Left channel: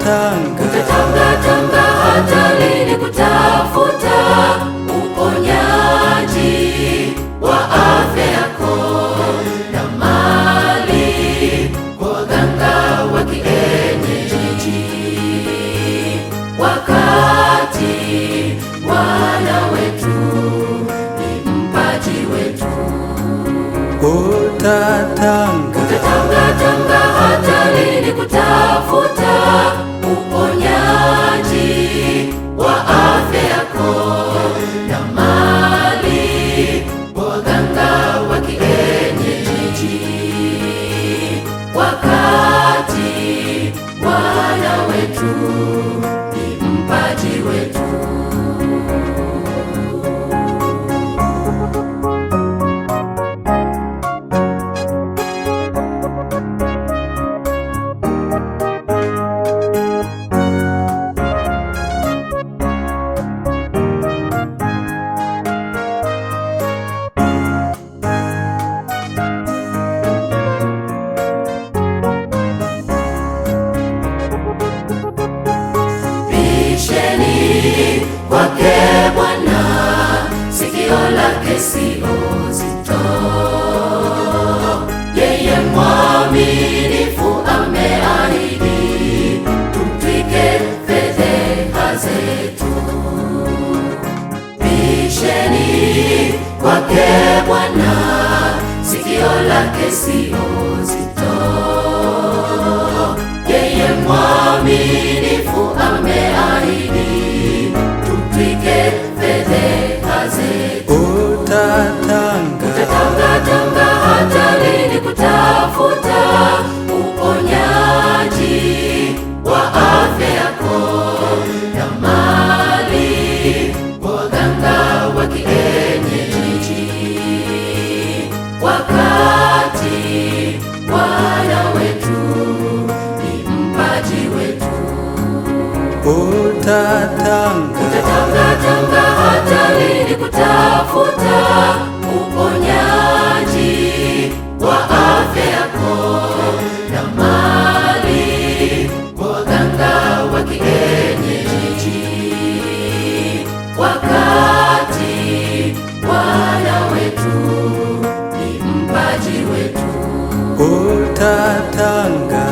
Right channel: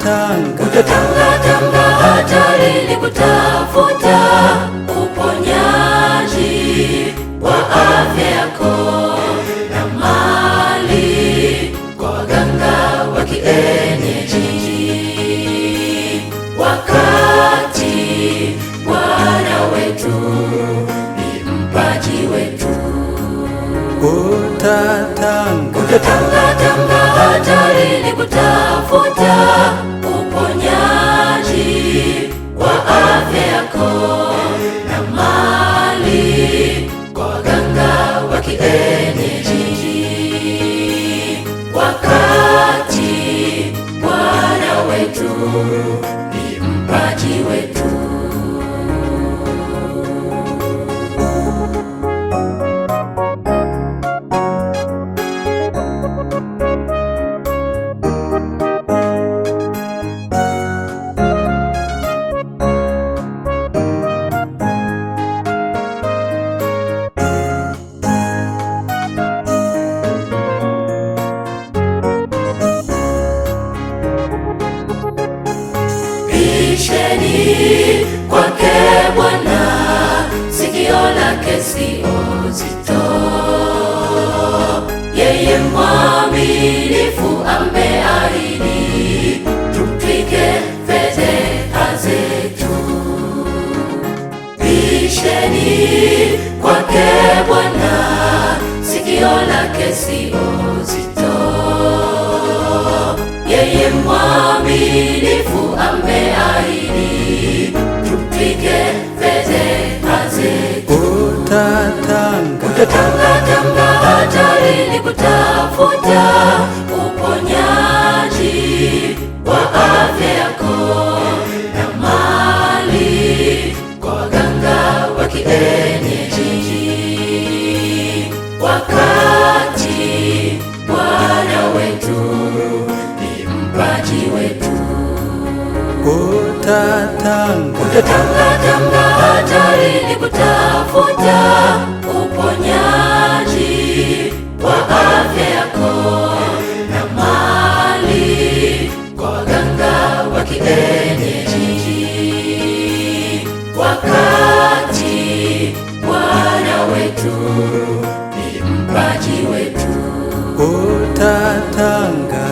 Utatanga hatarini kutafuta uponyaji wa afya yako na mali kwa waganga wa kienyeji, wakati Bwana wetu ni mpaji wetu. Utatanga hatarini kutafuta uponyaji wa afya yako na mali kwa waganga wa kienyeji, wakati Bwana wetu ni mpaji wetu. Bisheni kwake Bwana, sikio lake sio zito. Yeye mwaminifu ameahidi, tumtwike fedheha zetu. Bisheni kwake Bwana, sikio lake sio zito. Yeye mwaminifu ameahidi, tumtwike fedheha zetu. Utatanga hatarini kutafuta uponyaji wa afya yako na mali kwa waganga wa kienyeji, wakati Bwana wetu ni mpaji wetu. Utatanga hatarini kutafuta uponyaji wa afya yako na mali kwa waganga wa kienyeji, wakati Bwana wetu ni mpaji wetu. Utatanga